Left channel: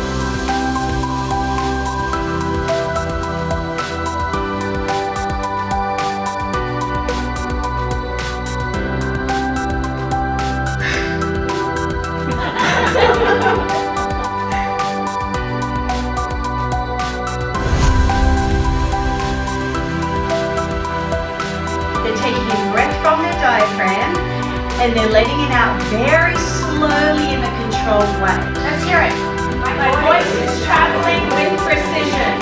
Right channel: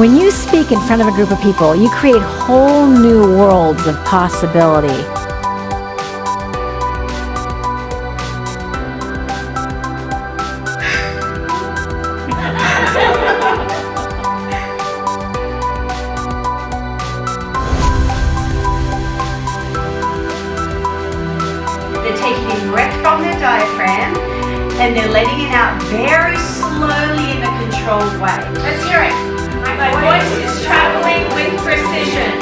When you speak in front of a group of people, you create whole new worlds of possibility. They're taking in breath from their diaphragm and they're letting it out very slowly in a controlled way. Let's hear it. My voice is traveling with precision.